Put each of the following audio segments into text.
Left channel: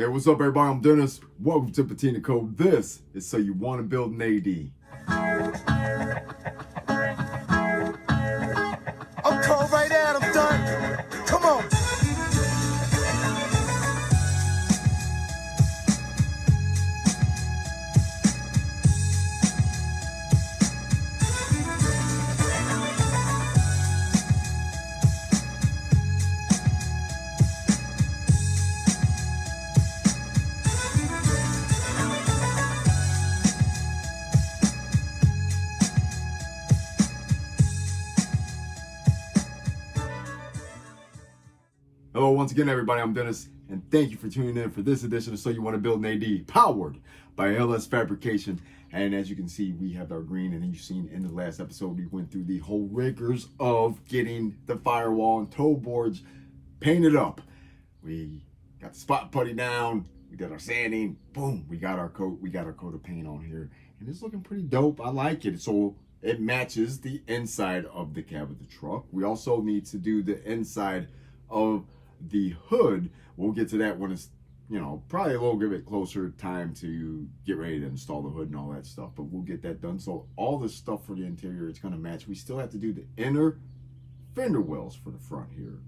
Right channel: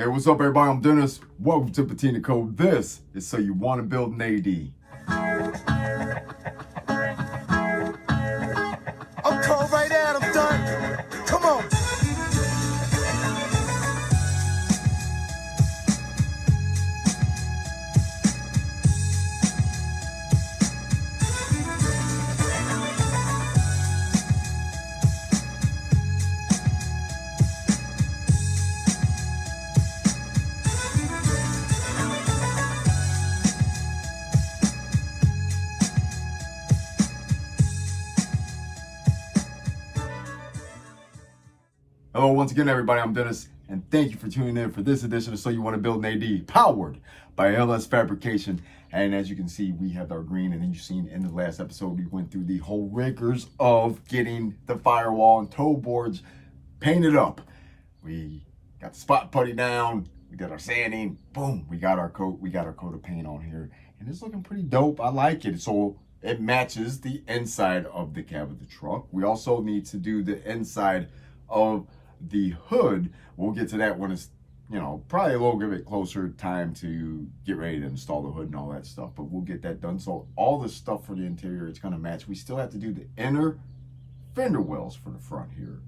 Hey, what's up, everybody? I'm Dennis. Welcome to Patina Code. This is So You Want to Build an AD. I'm cold right out, I'm done. Come on. Hello, once again, everybody. I'm Dennis, and thank you for tuning in for this edition of So You Want to Build an AD, powered by LS Fabrication. And as you can see, we have our green, and then you've seen in the last episode, we went through the whole rigors of getting the firewall and toe boards painted up. We got the spot putty down, we did our sanding, boom, we got our coat of paint on here, and it's looking pretty dope. I like it. So it matches the inside of the cab of the truck. We also need to do the inside of the hood. We'll get to that when it's, probably a little bit closer time to get ready to install the hood and all that stuff, but we'll get that done. So all the stuff for the interior, it's going to match. We still have to do the inner fender wells for the front here,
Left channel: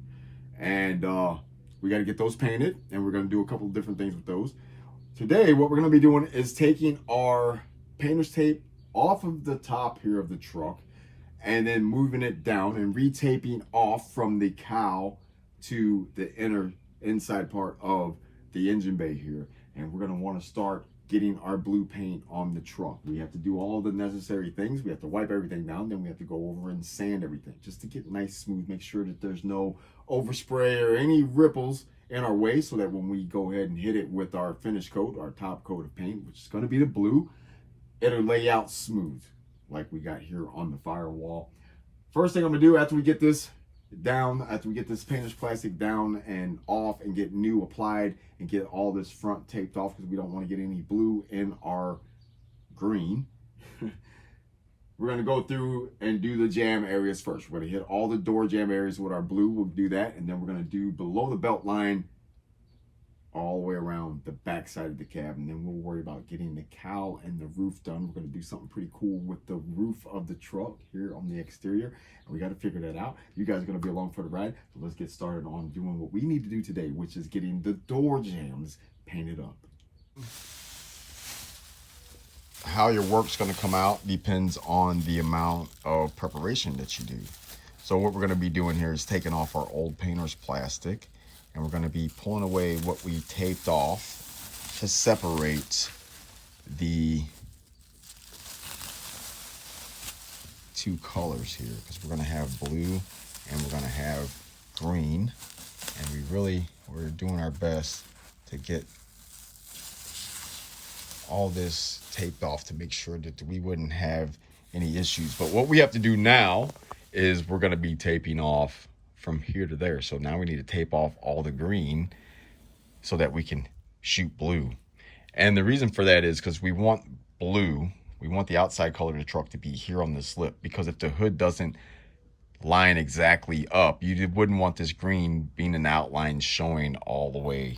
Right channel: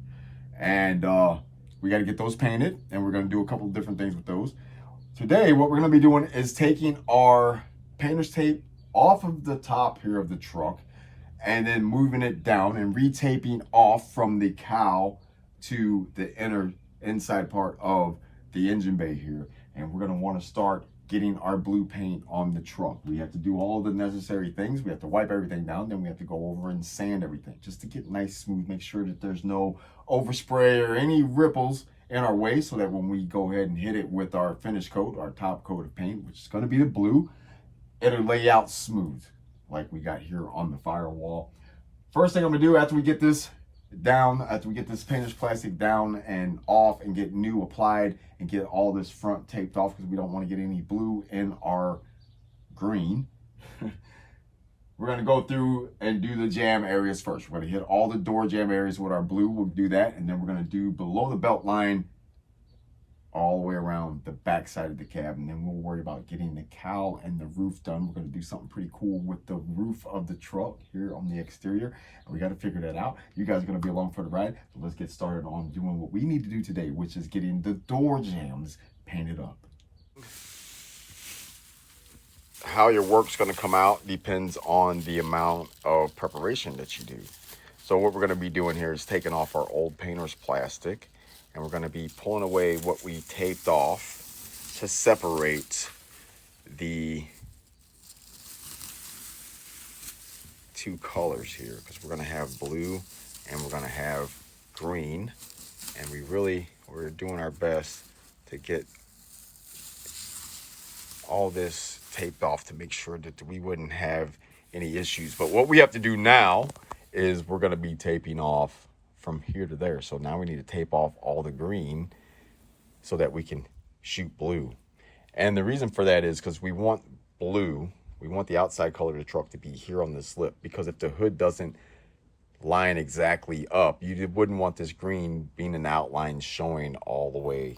and we got to get those painted, and we're going to do a couple of different things with those. Today, what we're going to be doing is taking our painter's tape off of the top here of the truck and then moving it down and retaping off from the cowl to the inside part of the engine bay here. And we're going to want to start getting our blue paint on the truck. We have to do all the necessary things. We have to wipe everything down, then we have to go over and sand everything just to get nice, smooth, make sure that there's no overspray or any ripples in our way, so that when we go ahead and hit it with our finish coat, our top coat of paint, which is going to be the blue, it'll lay out smooth like we got here on the firewall. First thing I'm going to do after we get this down, after we get this painter's plastic down and off and get new applied and get all this front taped off, because we don't want to get any blue in our green. We're going to go through and do the jam areas first. We're going to hit all the door jam areas with our blue. We'll do that, and then we're going to do below the belt line all the way around the back side of the cab, and then we'll worry about getting the cowl and the roof done. We're going to do something pretty cool with the roof of the truck here on the exterior, and we got to figure that out. You guys are going to be along for the ride, so let's get started on doing what we need to do today, which is getting the door jams painted up. How your work's going to come out depends on the amount of preparation that you do. So what we're going to be doing here is taking off our old painter's plastic, and we're going to be pulling away what we taped off to separate the two colors here, because we're going to have blue and we're going to have green, and we're doing our best to get all this taped off to make sure that we wouldn't have any issues. But what we have to do now is we're going to be taping off from here to there. So now we need to tape off all the green so that we can shoot blue. And the reason for that is because we want blue, we want the outside color of the truck to be here on this lip, because if the hood doesn't line exactly up, you wouldn't want this green being an outline showing all the way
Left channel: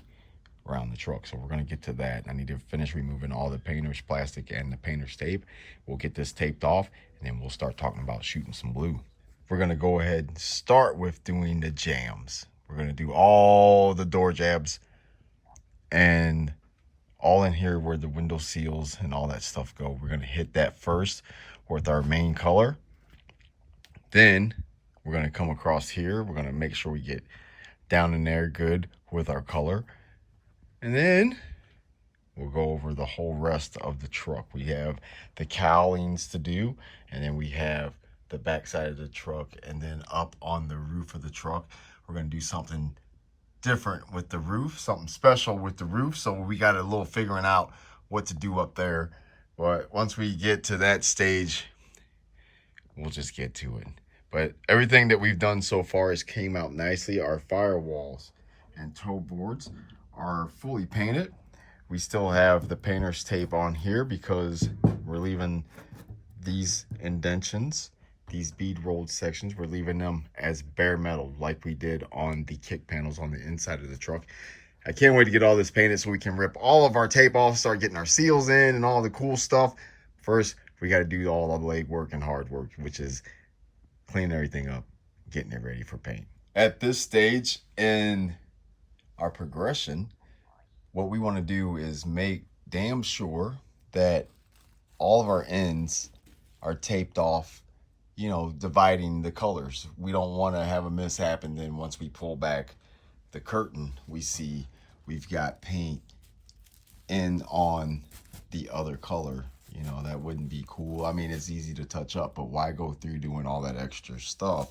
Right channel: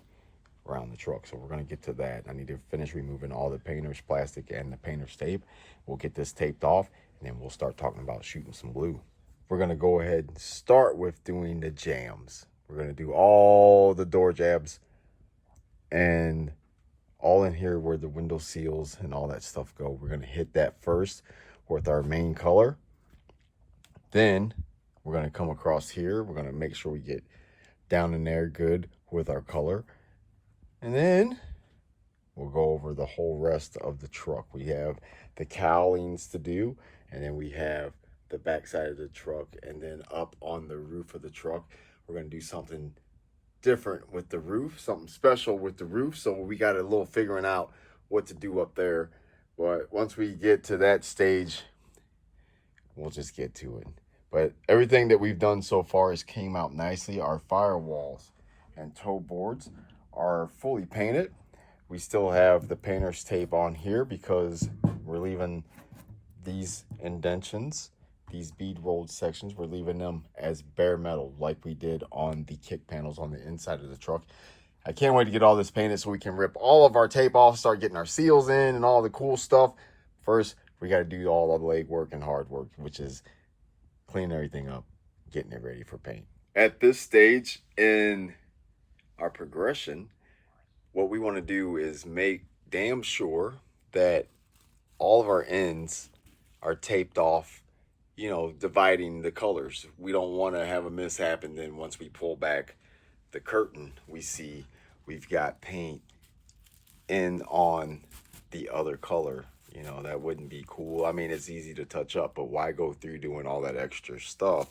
around the truck. So we're going to get to that. I need to finish removing all the painter's plastic and the painter's tape. We'll get this taped off, and then we'll start talking about shooting some blue. We're going to go ahead and start with doing the jams. We're going to do all the door jabs and all in here where the window seals and all that stuff go. We're going to hit that first with our main color. Then we're going to come across here. We're going to make sure we get down in there good with our color. And then we'll go over the whole rest of the truck. We have the cowlings to do, and then we have the back side of the truck, and then up on the roof of the truck. We're going to do something different with the roof, something special with the roof. So we got a little figuring out what to do up there. But once we get to that stage, we'll just get to it. But everything that we've done so far has came out nicely. Our firewalls and toe boards are fully painted. We still have the painter's tape on here because we're leaving these indentions, these bead rolled sections, we're leaving them as bare metal like we did on the kick panels on the inside of the truck. I can't wait to get all this painted so we can rip all of our tape off, start getting our seals in and all the cool stuff. First, we got to do all the leg work and hard work, which is cleaning everything up, getting it ready for paint. At this stage in our progression, what we want to do is make damn sure that all of our ends are taped off, you know, dividing the colors. We don't want to have a mishap, and then once we pull back the curtain, we see we've got paint in on the other color. You know, that wouldn't be cool. I mean, it's easy to touch up, but why go through doing all that extra stuff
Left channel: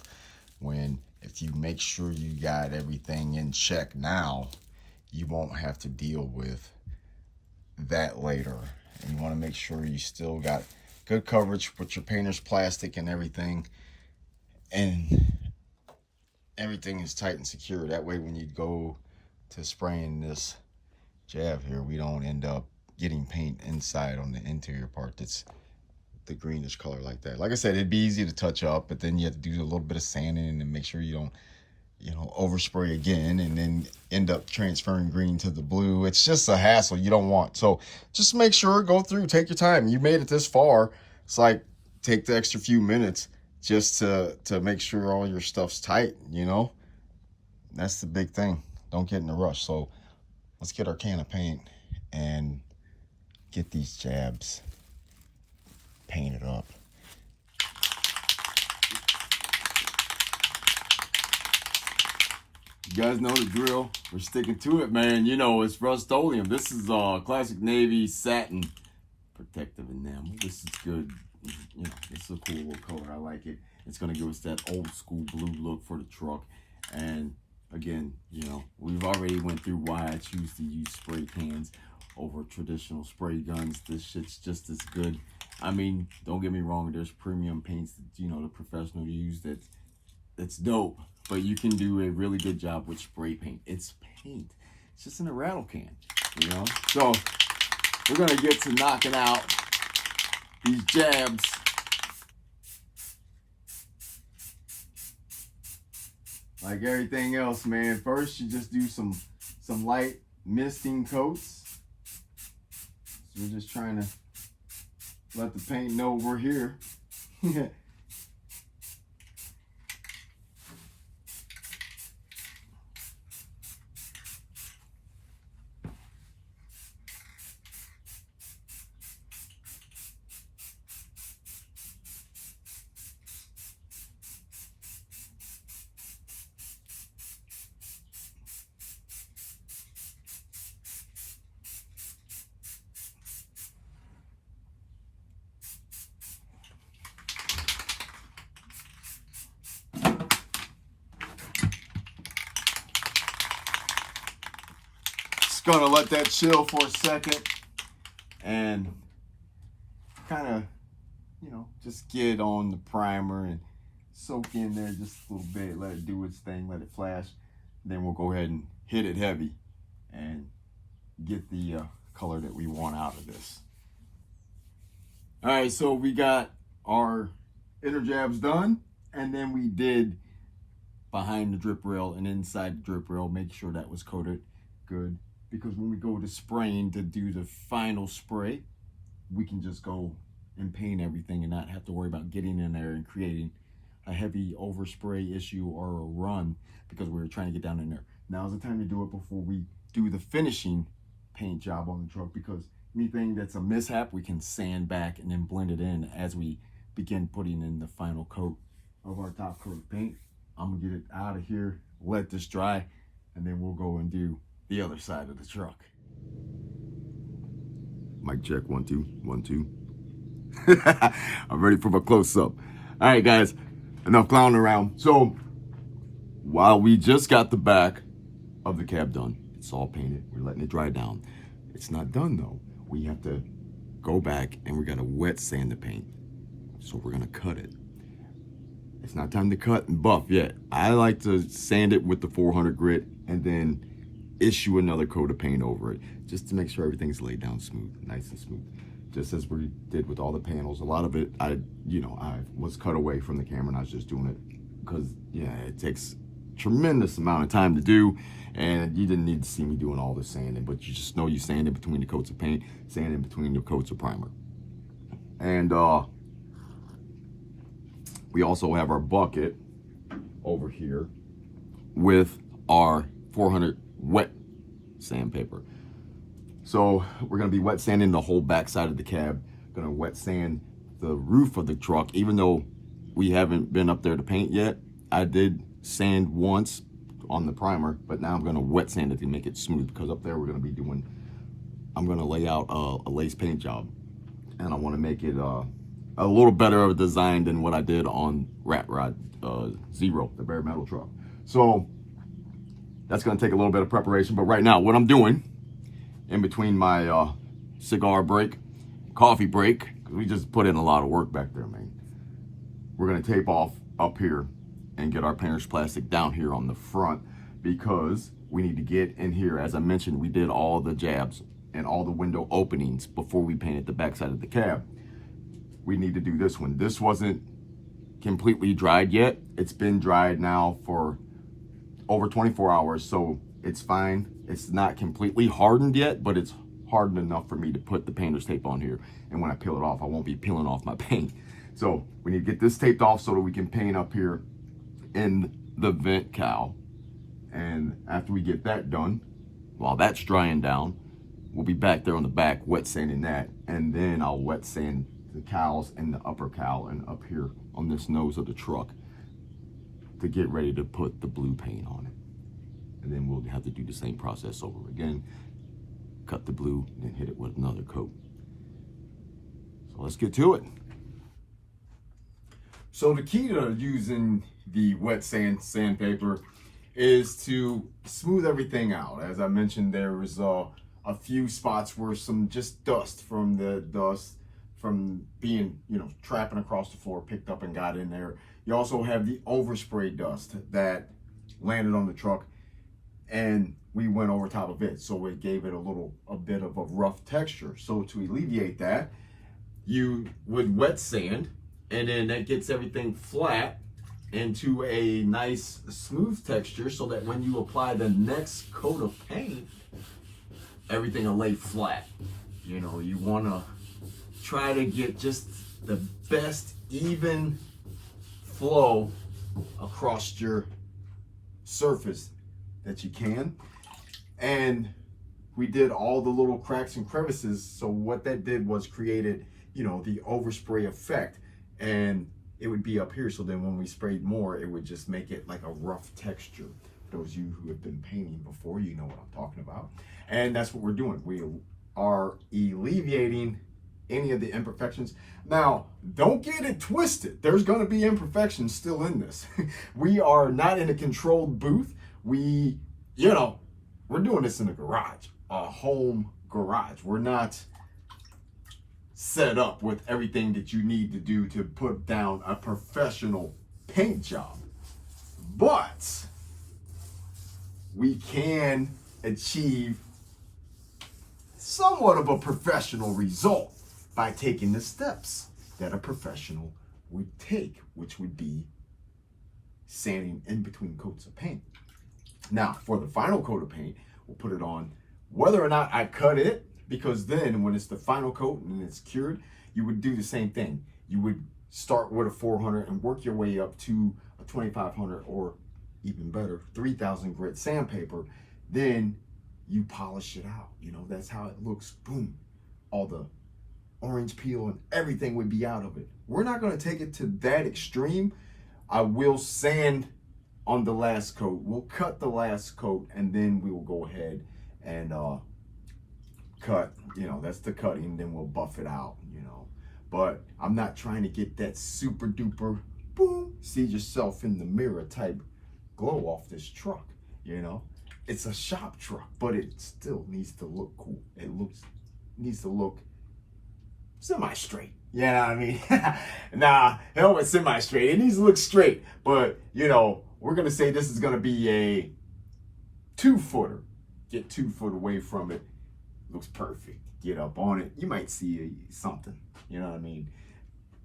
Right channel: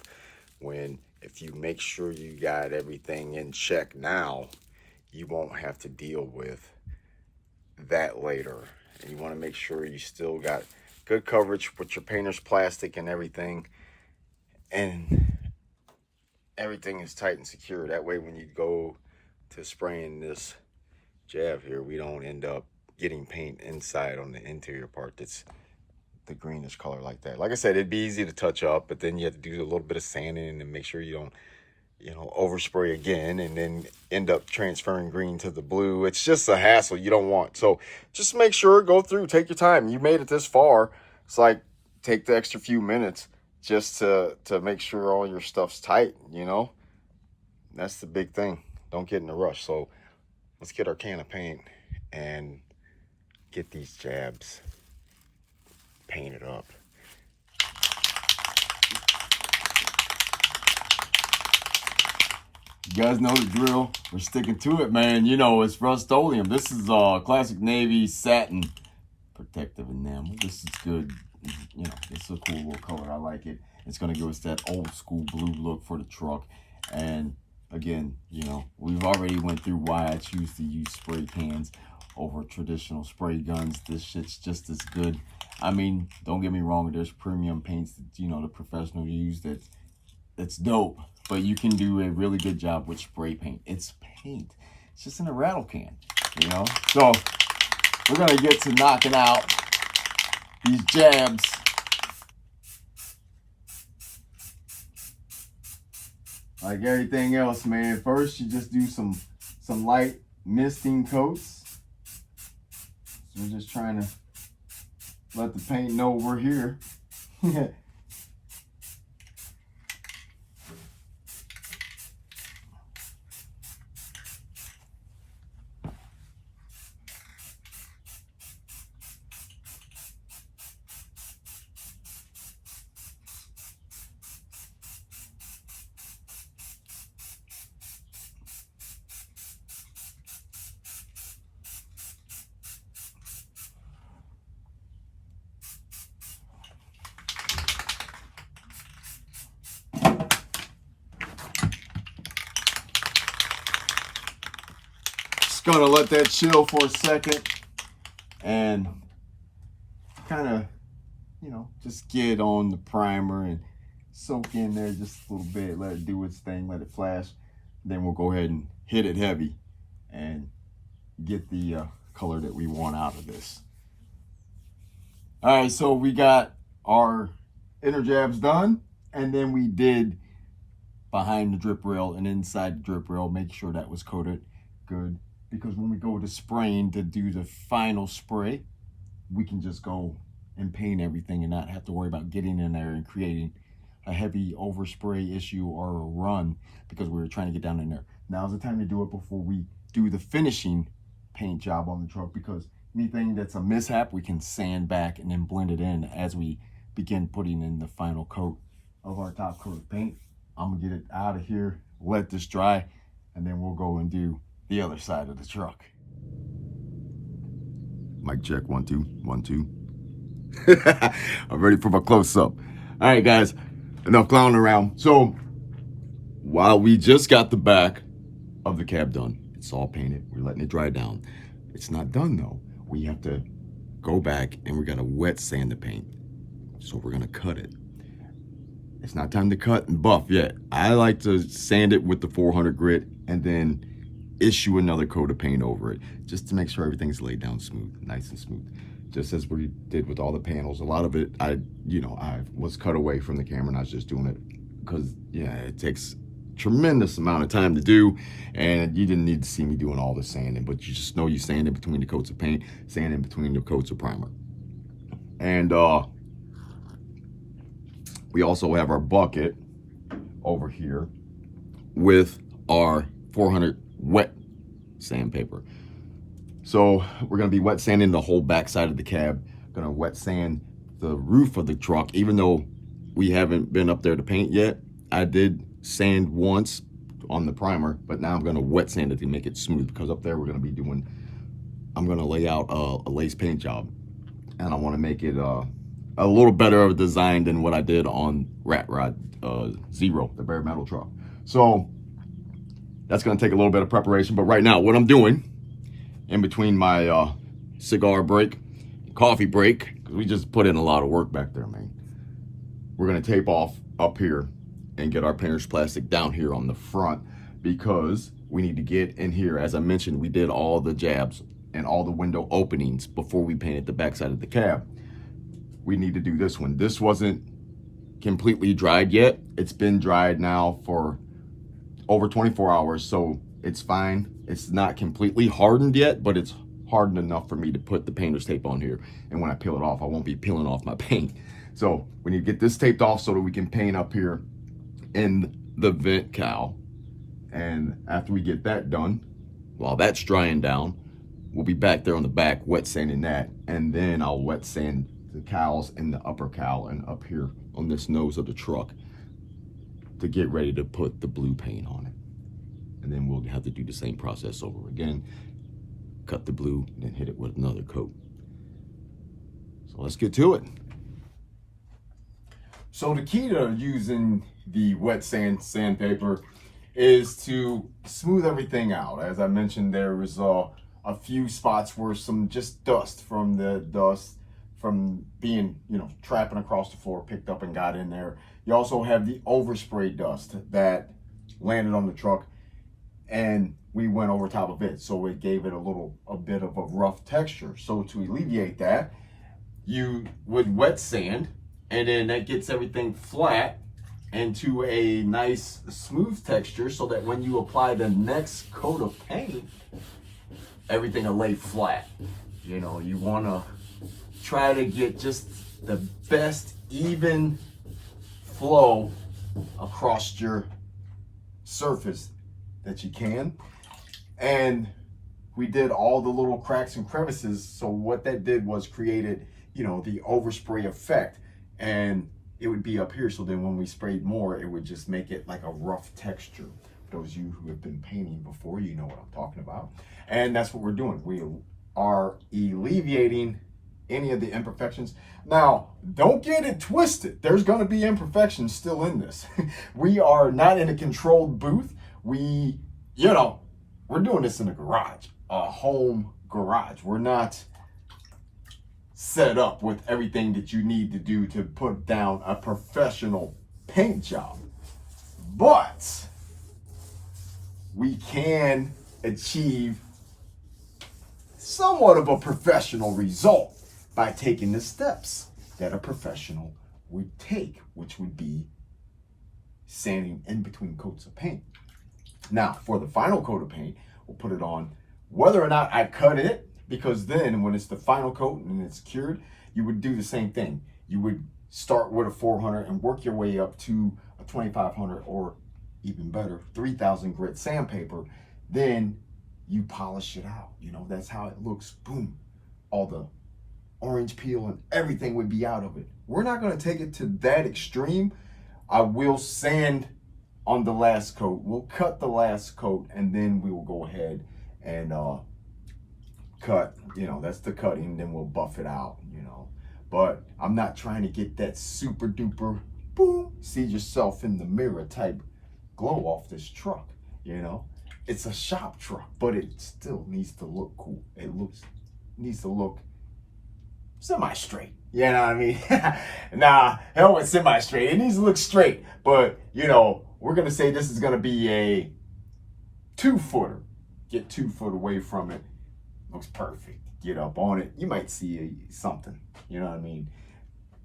when if you make sure you got everything in check now, you won't have to deal with that later. And you want to make sure you still got good coverage with your painter's plastic and everything, and everything is tight and secure. That way when you go to spraying this jab here, we don't end up getting paint inside on the interior part that's the greenish color like that. Like I said, it'd be easy to touch up, but then you have to do a little bit of sanding and make sure you don't, you know, overspray again and then end up transferring green to the blue. It's just a hassle you don't want. So just make sure, go through, take your time. You made it this far. It's like, take the extra few minutes just to make sure all your stuff's tight, you know? That's the big thing. Don't get in a rush. So let's get our can of paint and get these jabs painted up. You guys know the drill. We're sticking to it, man. You know, it's Rust-Oleum. This is Classic Navy Satin Protective Enamel. This is good. You know, it's a cool little color. I like it. It's going to give us that old school blue look for the truck. And again, you know, we've already went through why I choose to use spray cans over traditional spray guns. This shit's just as good. I mean, don't get me wrong, there's premium paints that, you know, the professional use that's dope, but you can do a really good job with spray paint. It's paint. It's just in a rattle can, you know? So we're gonna get to knocking out these jabs. Like everything else, man, first you just do some light misting coats. So we're just trying to let the paint know we're here. Gonna let that chill for a second and kind of, you know, just get on the primer and soak in there just a little bit, let it do its thing, let it flash. Then we'll go ahead and hit it heavy and get the color that we want out of this. All right, so we got our inner jabs done, and then we did behind the drip rail and inside the drip rail, make sure that was coated good. Because when we go to spraying to do the final spray, we can just go and paint everything and not have to worry about getting in there and creating a heavy overspray issue or a run because we were trying to get down in there. Now's the time to do it before we do the finishing paint job on the truck, because anything that's a mishap, we can sand back and then blend it in as we begin putting in the final coat of our top coat of paint. I'm gonna get it out of here, let this dry, and then we'll go and do the other side of the truck. Mic check, 1 2 1 2. I'm ready for my close-up. All right, guys, enough clowning around. So while we just got the back of the cab done, it's all painted, we're letting it dry down. It's not done though. We have to go back and we're gonna wet sand the paint. So we're gonna cut it. It's not time to cut and buff yet. I like to sand it with the 400 grit and then issue another coat of paint over it just to make sure everything's laid down smooth, nice and smooth, just as we did with all the panels. A lot of it, I was cut away from the camera and I was just doing it because, yeah, it takes tremendous amount of time to do, and you didn't need to see me doing all this sanding, but you just know you sand in between the coats of paint, sand in between the coats of primer. And we also have our bucket over here with our 400 wet sandpaper. So we're gonna be wet sanding the whole back side of the cab, gonna wet sand the roof of the truck. Even though we haven't been up there to paint yet, I did sand once on the primer, but now I'm gonna wet sand it to make it smooth, because up there we're gonna be doing, I'm gonna lay out a lace paint job, and I wanna make it a little better of a design than what I did on Rat Rod Zero, the bare metal truck. So that's gonna take a little bit of preparation, but right now what I'm doing in between my cigar break, coffee break, because we just put in a lot of work back there, man. We're gonna tape off up here and get our painter's plastic down here on the front, because we need to get in here. As I mentioned, we did all the jabs and all the window openings before we painted the backside of the cab. We need to do this one. This wasn't completely dried yet. It's been dried now for over 24 hours, so it's fine. It's not completely hardened yet, but it's hardened enough for me to put the painter's tape on here. And when I peel it off, I won't be peeling off my paint. So we need to get this taped off so that we can paint up here in the vent cowl. And after we get that done, while that's drying down, we'll be back there on the back wet sanding that, and then I'll wet sand the cowls and the upper cowl and up here on this nose of the truck to get ready to put the blue paint on it. And then we'll have to do the same process over again, cut the blue, and then hit it with another coat. So let's get to it. So the key to using the wet sandpaper is to smooth everything out. As I mentioned, there was a few spots where some just dust from being, trapping across the floor picked up and got in there. You also have the overspray dust that landed on the truck, and we went over top of it, so it gave it a bit of a rough texture. So to alleviate that, you would wet sand, and then that gets everything flat into a nice smooth texture, so that when you apply the next coat of paint, everything will lay flat. You want to try to get just the best even flow across your surface that you can. And we did all the little cracks and crevices, so what that did was created, the overspray effect, and it would be up here, so then when we sprayed more, it would just make it like a rough texture. For those of you who have been painting before, you know what I'm talking about. And that's what we're doing. We are alleviating any of the imperfections. Now, don't get it twisted. There's gonna be imperfections still in this. We are not in a controlled booth. We're doing this in a garage, a home garage. We're not set up with everything that you need to do to put down a professional paint job. But we can achieve somewhat of a professional result by taking the steps that a professional would take, which would be sanding in between coats of paint. Now, for the final coat of paint, we'll put it on whether or not I cut it, because then when it's the final coat and it's cured, you would do the same thing. You would start with a 400 and work your way up to a 2500, or even better, 3000 grit sandpaper. Then you polish it out. That's how it looks. Boom. All the orange peel and everything would be out of it. We're not going to take it to that extreme. I will sand on the last coat. We'll cut the last coat, and then we will go ahead and cut. That's the cutting. Then we'll buff it out. But I'm not trying to get that super duper boom, see yourself in the mirror type glow off this truck. It's a shop truck, but it still needs to look cool. Needs to look semi-straight. You know what I mean? Nah, hell with semi-straight. It needs to look straight. But, we're going to say this is going to be a 2-footer. Get 2 foot away from it. Looks perfect. Get up on it. You might see something. You know what I mean?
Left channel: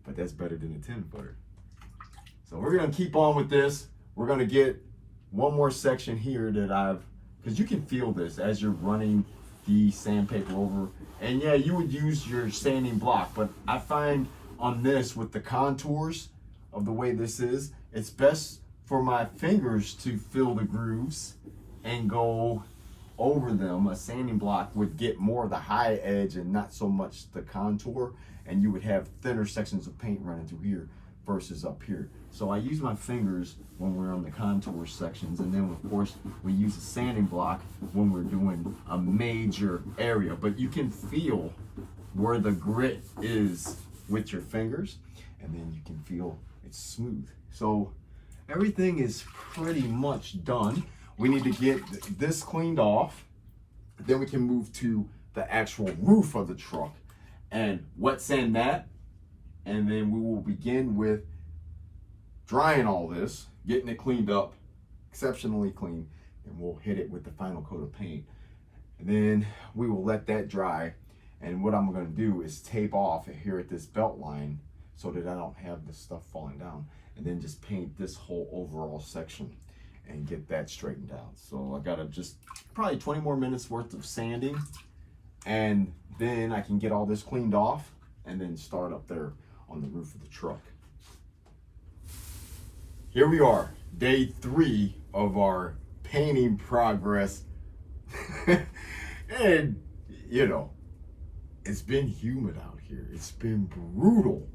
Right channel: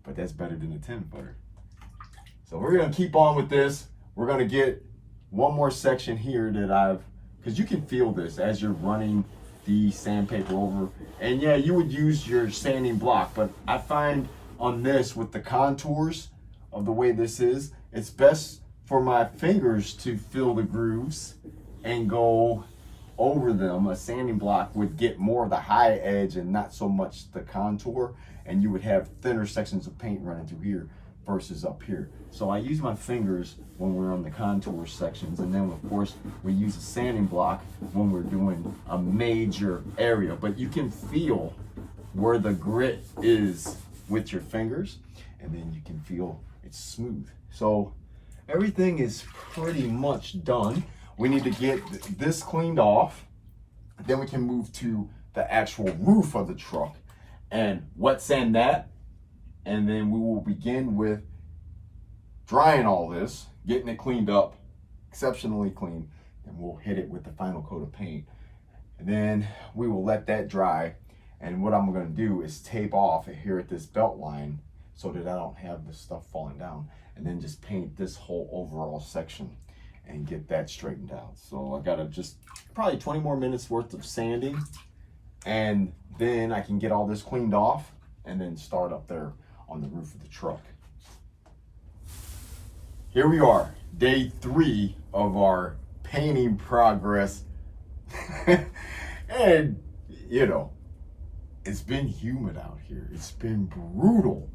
But that's better than a 10-footer. So we're going to keep on with this. We're going to get one more section here that because you can feel this as you're running the sandpaper over. And yeah, you would use your sanding block, but I find on this with the contours of the way this is, it's best for my fingers to fill the grooves and go over them. A sanding block would get more of the high edge and not so much the contour, and you would have thinner sections of paint running through here versus up here. So I use my fingers when we're on the contour sections, and then of course we use a sanding block when we're doing a major area. But you can feel where the grit is with your fingers, and then you can feel it's smooth. So everything is pretty much done. We need to get this cleaned off. Then we can move to the actual roof of the truck and wet sand that. And then we will begin with drying all this, getting it cleaned up, exceptionally clean. Then we'll hit it with the final coat of paint. And then we will let that dry. And what I'm gonna do is tape off here at this belt line so that I don't have this stuff falling down. And then just paint this whole overall section and get that straightened out. So I gotta just probably 20 more minutes worth of sanding, and then I can get all this cleaned off and then start up there on the roof of the truck. Here we are, day 3 of our painting progress. And you know, it's been humid out here. It's been brutal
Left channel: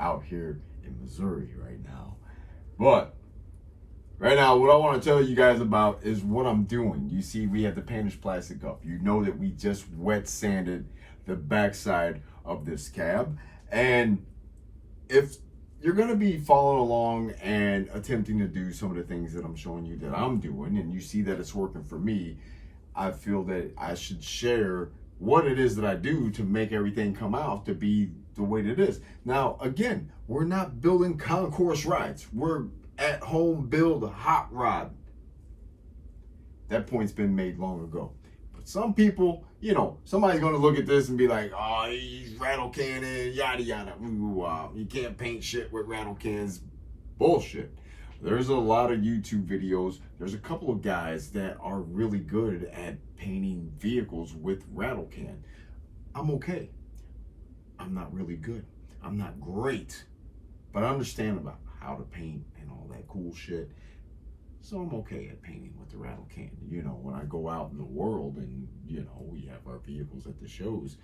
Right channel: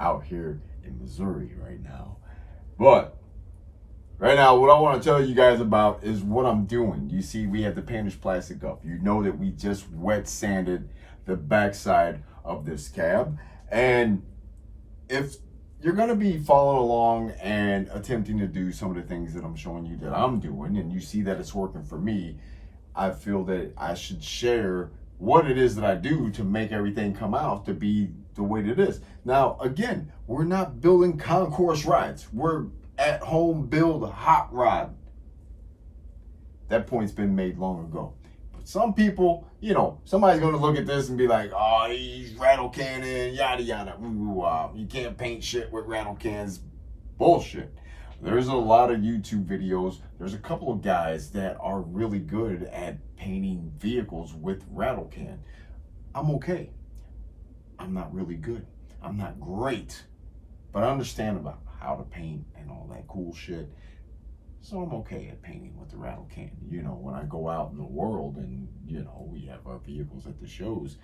out here in Missouri right now. But right now, what I want to tell you guys about is what I'm doing. You see, we have the painter's plastic up. You know that we just wet sanded the backside of this cab. And if you're going to be following along and attempting to do some of the things that I'm showing you that I'm doing, and you see that it's working for me, I feel that I should share what it is that I do to make everything come out to be the way that it is. Now, again, we're not building concourse rides. We're at home build a hot rod. That point's been made long ago. But some people, you know, somebody's going to look at this and be like, oh, he's rattle canning, yada, yada. Ooh, you can't paint shit with rattle cans. Bullshit. There's a lot of YouTube videos. There's a couple of guys that are really good at painting vehicles with rattle can. I'm okay. I'm not really good. I'm not great. But I understand about how to paint and all that cool shit. So I'm okay at painting with the rattle can. You know, when I go out in the world and, you know, we have our vehicles at the shows,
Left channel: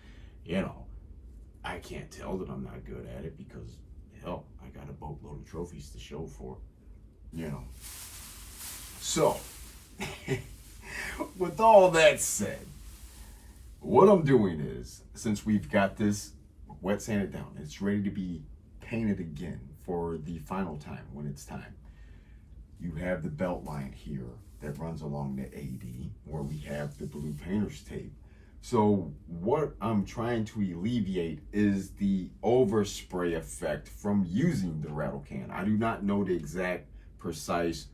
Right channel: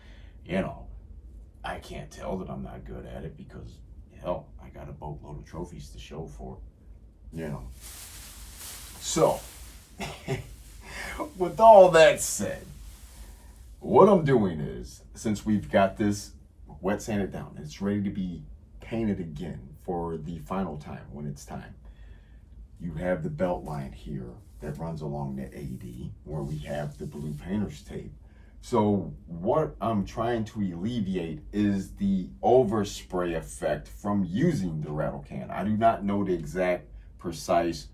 you know, I can't tell that I'm not good at it because, hell, I got a boatload of trophies to show for, you know. So, with all that said, what I'm doing is, since we've got this wet sanded down, it's ready to be painted again for the final time when it's time. You have the belt line here that runs along the AD where we have the blue painter's tape. So what I'm trying to alleviate is the overspray effect from using the rattle can. I do not know the exact precise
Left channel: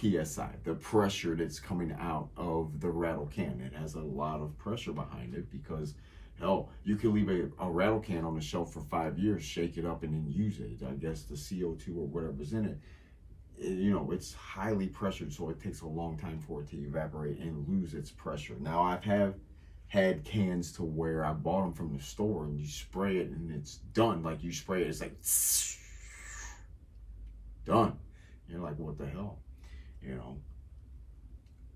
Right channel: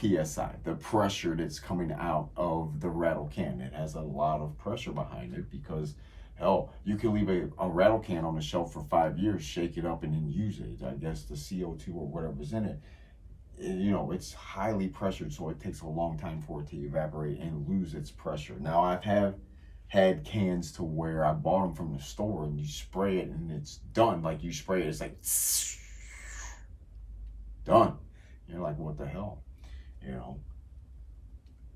PSI, the pressure that's coming out of the rattle can. It has a lot of pressure behind it because, hell, you can leave a rattle can on the shelf for 5 years, shake it up, and then use it. I guess the CO2 or whatever's in it, you know, it's highly pressured, so it takes a long time for it to evaporate and lose its pressure. Now, I've had cans to where I bought them from the store, and you spray it, and it's done. Like, you spray it, it's like, done. You're like, what the hell? You know?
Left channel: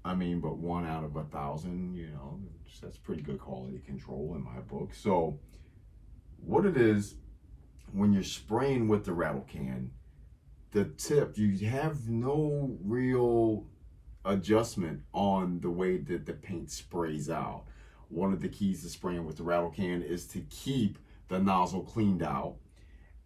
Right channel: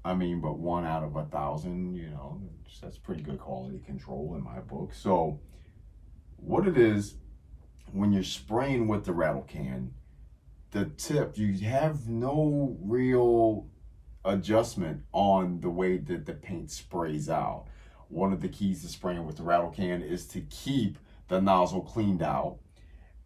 I mean, but 1 out of 1,000, you know, that's pretty good quality control in my book. So what it is, when you're spraying with the rattle can, the tip, you have no real adjustment on the way that the paint sprays out. One of the keys to spraying with the rattle can is to keep the nozzle cleaned out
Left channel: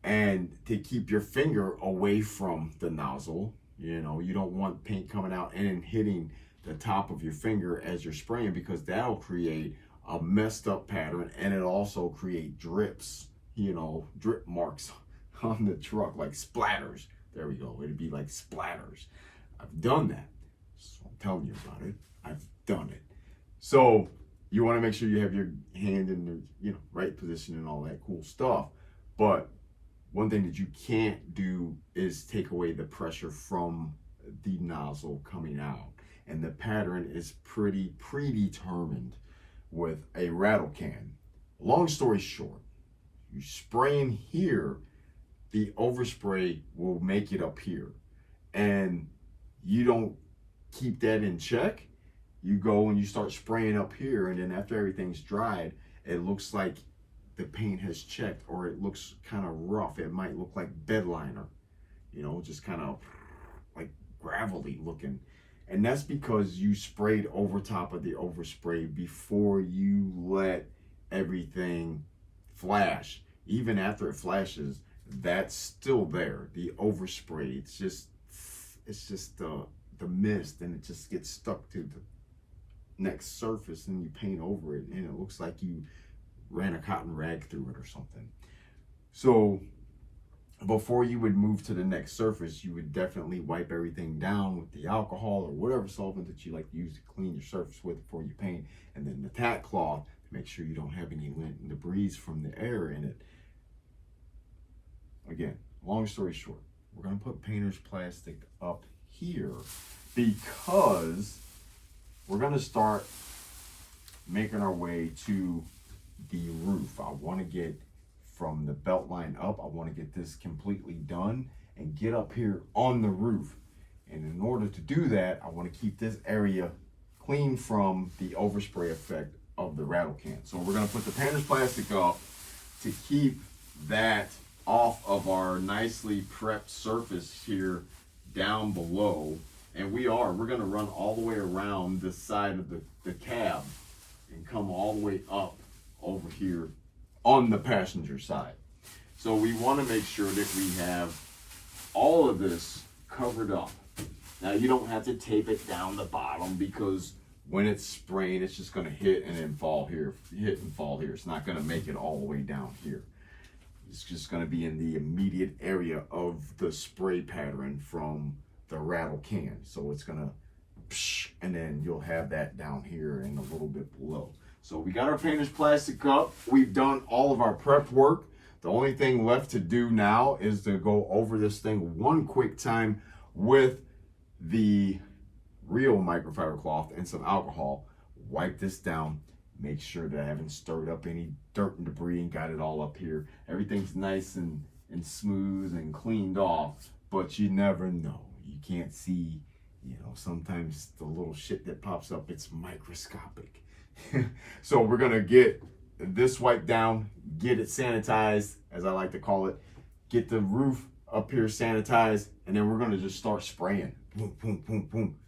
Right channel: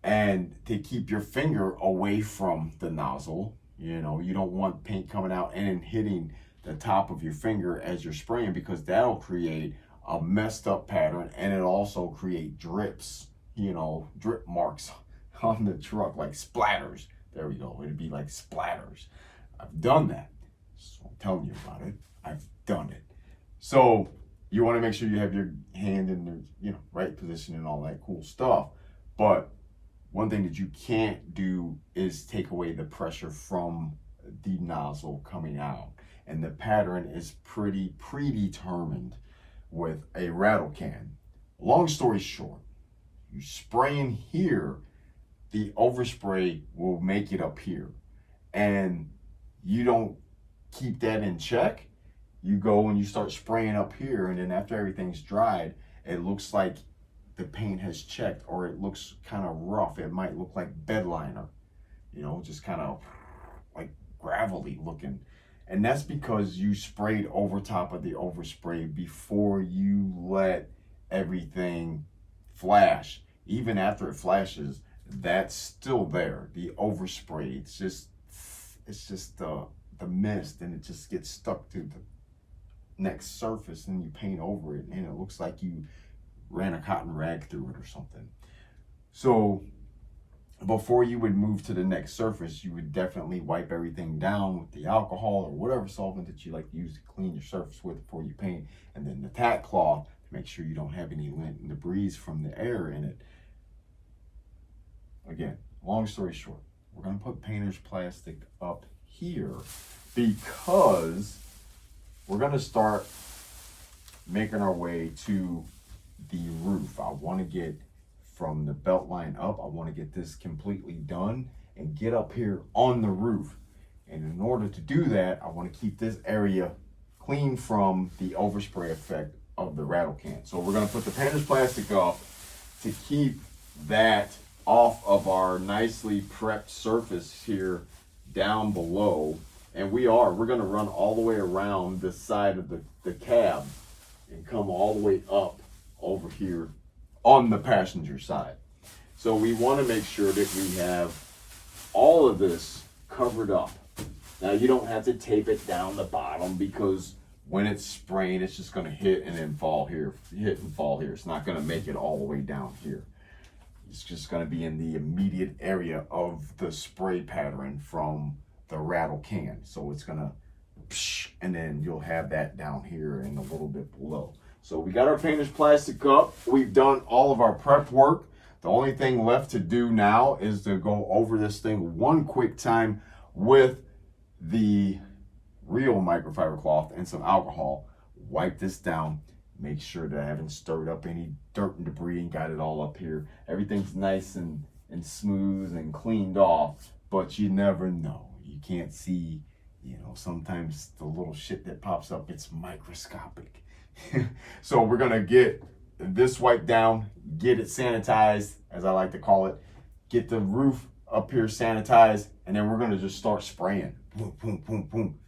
and to keep your finger away from the nozzle. You know, you don't want paint coming out and hitting the top of your finger as you're spraying, because that'll create a messed up pattern, and it'll also create drips, you know, drip marks on the truck, like splatters. There we go. It'd be like splatters. I've done that. So I'm telling you about it. I've done it. So you want to make sure you have your hand in the, you know, right position and all that cool stuff. But one thing that you can't do is take away the pressure from the nozzle coming out. And the pattern is pretty predetermined with a rattle can. Long story short, you spray in here, the overspray will make it up here. And you don't keep that in check. You go and you start spraying up here, and then after everything's dried, it looks like the paint has checked, or it looks kind of rough. It might look like bed liner, you know, just kind of like gravelly looking. And that's because you sprayed over top of the overspray before you let everything flash. Even after it flashes, that's still there. The overspray, it's just the mist, and it just gets stuck to the next surface, and you paint over it, and it looks like you ran a cotton rag through it or something. So before you would move to the next surface, you would definitely wipe everything down with the alcohol or whatever solvent that you like to use to clean your surface with before you paint, and then the tack cloth to make sure you don't have any lint and debris from the air in it. Again, long story short, we're going to put painter's plastic up here because we're going to start making our way to the roof. I want to get from the belt line up. I want to get this completely done and get up here on the roof. And in order to do that, I want to keep this area clean from the overspray effect of the rattle can. So we're going to put the painter's plastic up to keep that off of our nicely prepped surface here down below. And we're going to run all the way around this side of the cab and come all the way up over here on the passenger side. So we want to make sure that we have all of this covered up. Now you don't have to tape it down the bottom, because when it's spraying, it's just going to hit and then fall here, hit and fall here. It's not going to make it all the way down here. It's just going to be in the immediate area of the spray pattern from the rattle can. So it's going to, and then you'll have that down here and a little bit below. So we got our painter's plastic up. We've done all of our prep work. The only thing left to do now is to go over this thing one quick time with the real microfiber cloth and some alcohol. Wipe this down. Make sure that I haven't stirred up any dirt and debris and got it all up here. Everything's nice and smooth and cleaned off, but you never know. You can't see, you know, sometimes the little shit that pops up, it's microscopic. So we're gonna get this wiped down, get it sanitized, as I like to call it, get the roof up here sanitized, and then we're gonna just start spraying. Boom, boom, boom, boom.